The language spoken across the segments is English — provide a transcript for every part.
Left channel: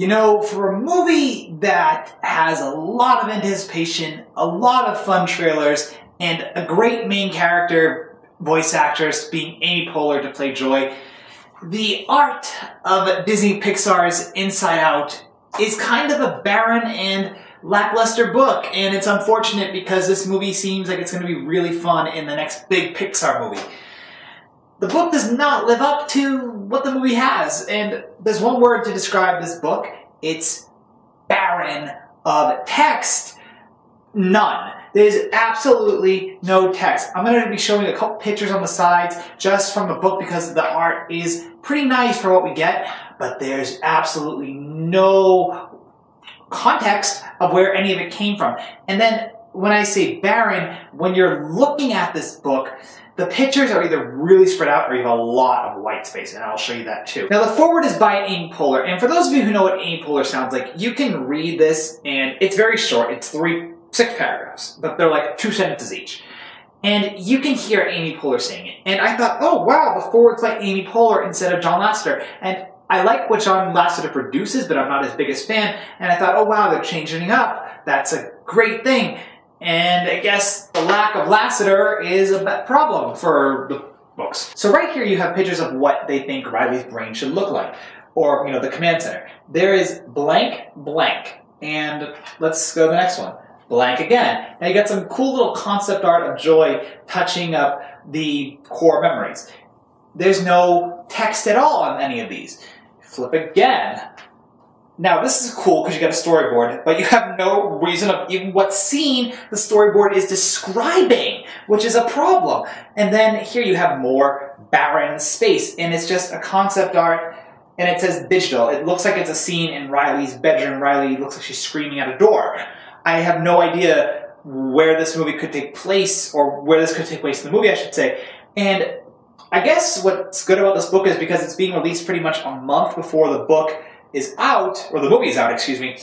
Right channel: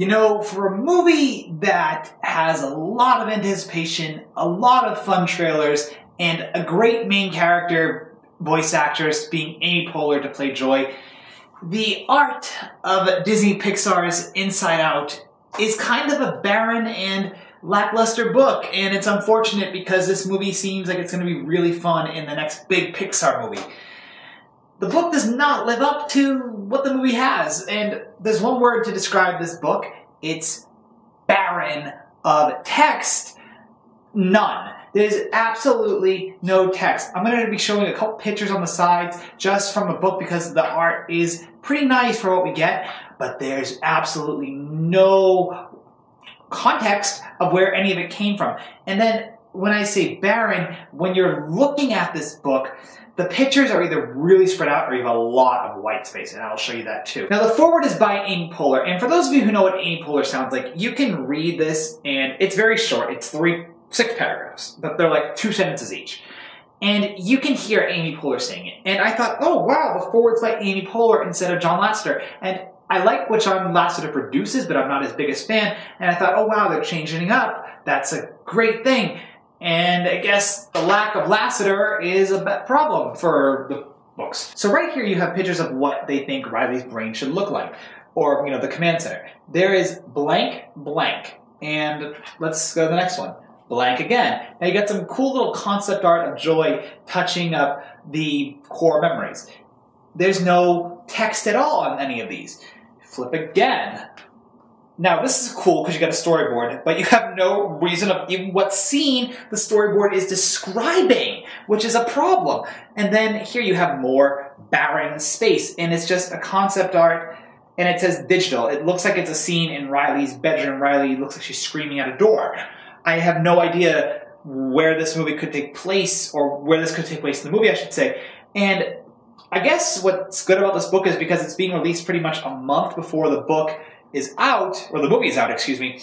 You know, for a movie that has a lot of anticipation, a lot of fun trailers, and a great main character voice actress being Amy Poehler to play Joy, the art of Disney Pixar's Inside Out is kind of a barren and lackluster book, and it's unfortunate because this movie seems like it's going to be really fun in the next big Pixar movie. The book does not live up to what the movie has, and there's one word to describe this book. It's barren of text. None. There's absolutely no text. I'm going to be showing a couple pictures on the sides just from the book because the art is pretty nice for what we get, but there's absolutely no context of where any of it came from. And then when I say barren, when you're looking at this book, the pictures are either really spread out or you have a lot of white space, and I'll show you that too. Now the foreword is by Amy Poehler, and for those of you who know what Amy Poehler sounds like, you can read this, and it's very short. It's 6 paragraphs, but they're like 2 sentences each. And you can hear Amy Poehler saying it. And I thought, oh wow, the foreword's by Amy Poehler instead of John Lasseter. And I like what John Lasseter produces, but I'm not his biggest fan. And I thought, oh wow, they're changing it up. That's a great thing. And I guess the lack of Lasseter is a problem for the books. So right here you have pictures of what they think Riley's brain should look like, or the command center. There is blank, blank, and let's go to the next one. Blank again. Now you got some cool little concept art of Joy touching up the core memories. There's no text at all on any of these. Flip again. Now this is cool because you got a storyboard, but you have no reason of even what scene the storyboard is describing, which is a problem. And then here you have more barren space, and it's just a concept art, and it says digital. It looks like it's a scene in Riley's bedroom. Riley looks like she's screaming at a door. I have no idea where this movie could take place, or where this could take place in the movie, I should say. And I guess what's good about this book is because it's being released pretty much a month before the book is out, or the movie is out, excuse me,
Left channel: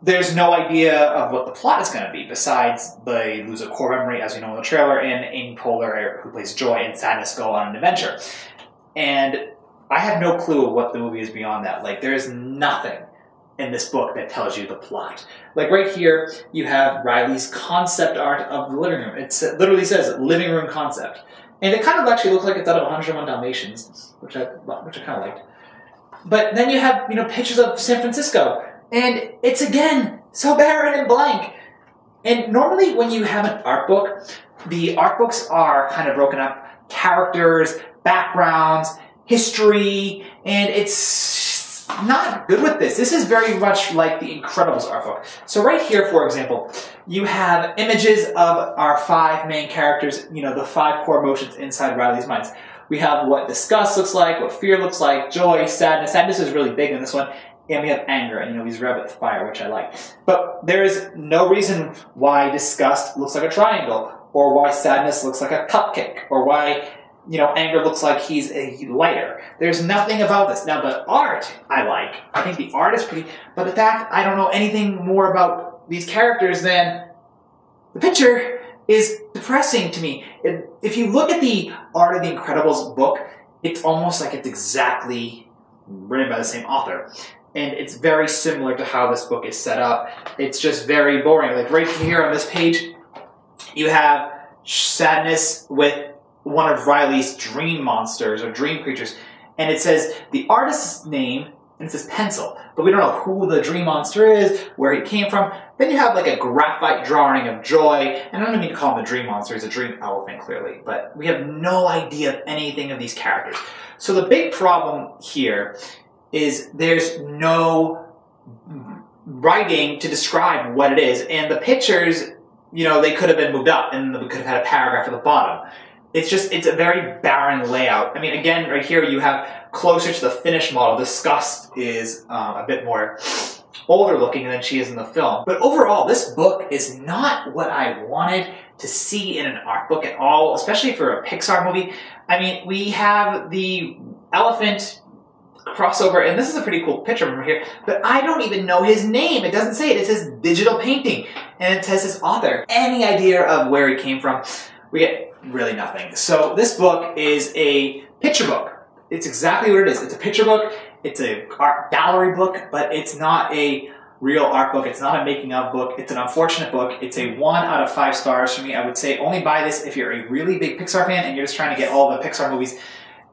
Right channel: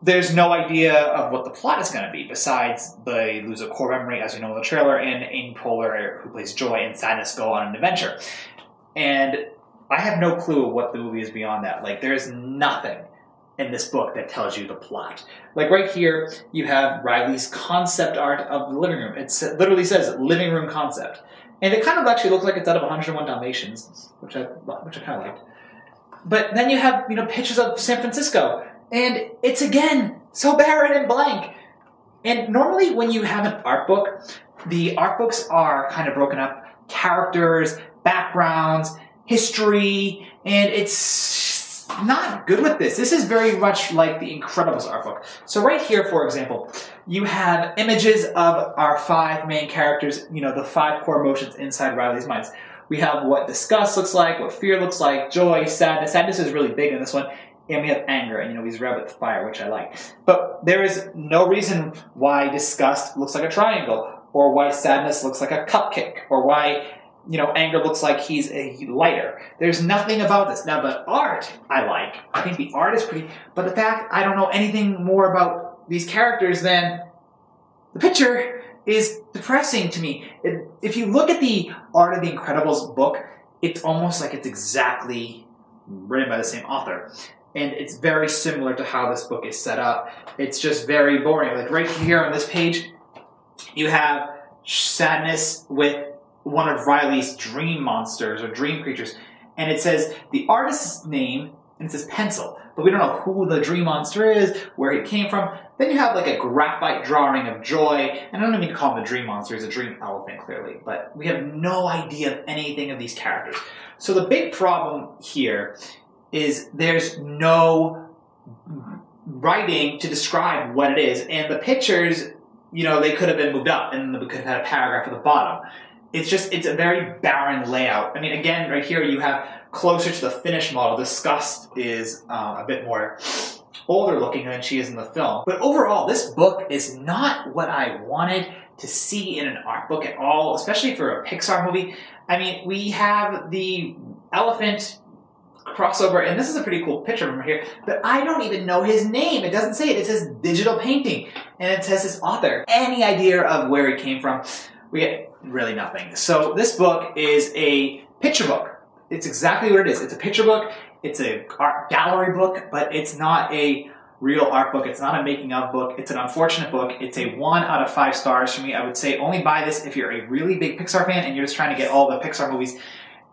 there's no idea of what the plot is going to be, besides they lose a core memory, as you know in the trailer, and Amy Poehler, who plays Joy, and Sadness go on an adventure. And I have no clue what the movie is beyond that. Like, there is nothing in this book that tells you the plot. Like right here, you have Riley's concept art of the living room. It literally says living room concept. And it kind of actually looks like it's out of 101 Dalmatians, which I kind of liked. But then you have, pictures of San Francisco, and it's again so barren and blank. And normally when you have an art book, the art books are kind of broken up, characters, backgrounds, history, and it's not good with this. This is very much like the Incredibles art book. So right here, for example, you have images of our 5 main characters, the 5 core emotions inside Riley's minds. We have what disgust looks like, what fear looks like, joy, sadness. Sadness is really big in this one. And we have anger, and he's rabbit fire, which I like. But there is no reason why disgust looks like a triangle, or why sadness looks like a cupcake, or why, anger looks like he's a lighter. There's nothing about this. Now, the art I like. I think the art is pretty, but the fact I don't know anything more about these characters than the picture is depressing to me. If you look at the art of the Incredibles book, it's almost like it's exactly written by the same author. And it's very similar to how this book is set up. It's just very boring. Like right here on this page, you have Sadness with one of Riley's dream monsters or dream creatures. And it says the artist's name, and it says pencil. But we don't know who the dream monster is, where he came from. Then you have like a graphite drawing of Joy. And I don't mean to call him a dream monster. He's a dream elephant, clearly. But we have no idea of anything of these characters. So the big problem here is there's no writing to describe what it is. And the pictures, they could have been moved up and we could have had a paragraph at the bottom. It's a very barren layout. I mean, again, right here you have closer to the finished model. Disgust is a bit more older looking than she is in the film. But overall, this book is not what I wanted to see in an art book at all, especially for a Pixar movie. I mean, we have the elephant crossover, and this is a pretty cool picture from here, but I don't even know his name. It doesn't say it. It says digital painting, and it says his author. Any idea of where he came from? We get really nothing. So this book is a picture book. It's exactly what it is. It's a picture book, it's a art gallery book, but it's not a real art book. It's not a making of book. It's an unfortunate book. It's a 1 out of 5 stars for me. I would say only buy this if you're a really big Pixar fan and you're just trying to get all the Pixar movies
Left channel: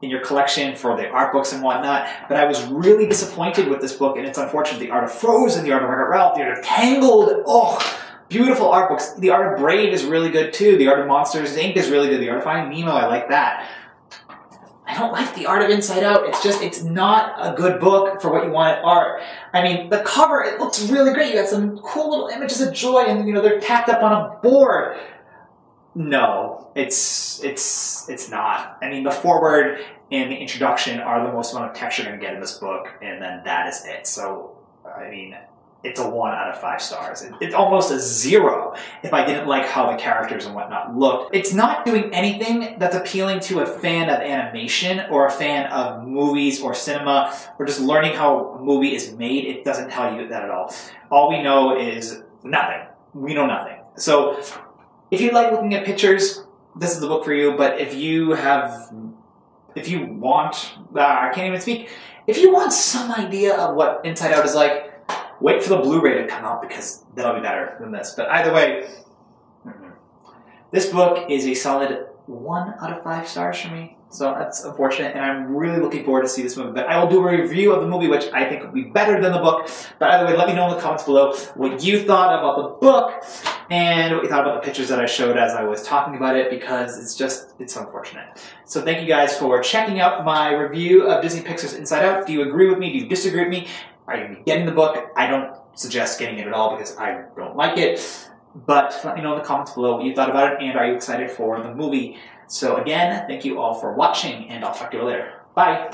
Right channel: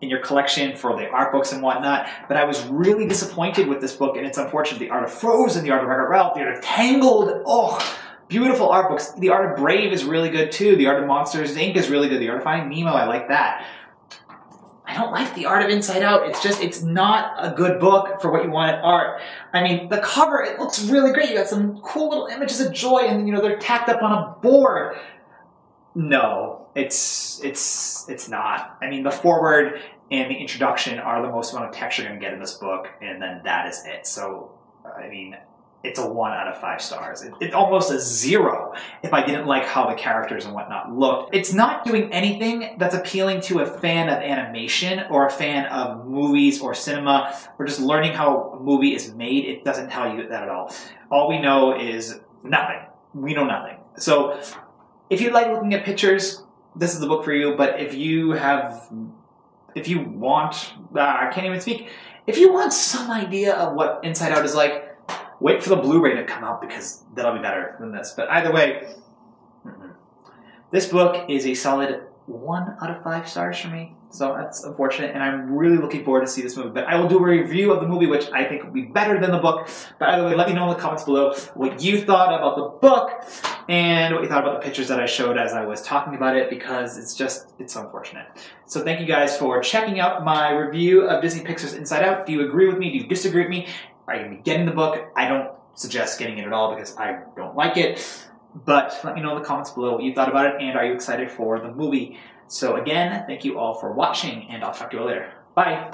in your collection for the art books and whatnot. But I was really disappointed with this book, and it's unfortunate. The Art of Frozen, The Art of Wreck-It Ralph, The Art of Tangled, oh, beautiful art books. The Art of Brave is really good too. The Art of Monsters, Inc. is really good. The Art of Finding Nemo, I like that. I don't like The Art of Inside Out. It's not a good book for what you want at art. I mean, the cover, it looks really great. You got some cool little images of joy, and you know, they're tacked up on a board. No, it's not. I mean, the foreword and the introduction are the most amount of text you're going to get in this book, and then that is it. So, I mean, it's a 1 out of 5 stars. It's almost a 0 if I didn't like how the characters and whatnot looked. It's not doing anything that's appealing to a fan of animation or a fan of movies or cinema or just learning how a movie is made. It doesn't tell you that at all. All we know is nothing. We know nothing. So if you like looking at pictures, this is the book for you. But if you want, I can't even speak. If you want some idea of what Inside Out is like, wait for the Blu-ray to come out because that'll be better than this. But either way, this book is a solid 1 out of 5 stars for me. So that's unfortunate, and I'm really looking forward to see this movie. But I will do a review of the movie, which I think will be better than the book. But either way, let me know in the comments below what you thought about the book and what you thought about the pictures that I showed as I was talking about it, because it's unfortunate. So thank you guys for checking out my review of Disney Pixar's Inside Out. Do you agree with me? Do you disagree with me? Are you going to be getting the book? I don't suggest getting it at all because I don't like it. But let me know in the comments below what you thought about it, and are you excited for the movie? So again, thank you all for watching, and I'll talk to you later. Bye!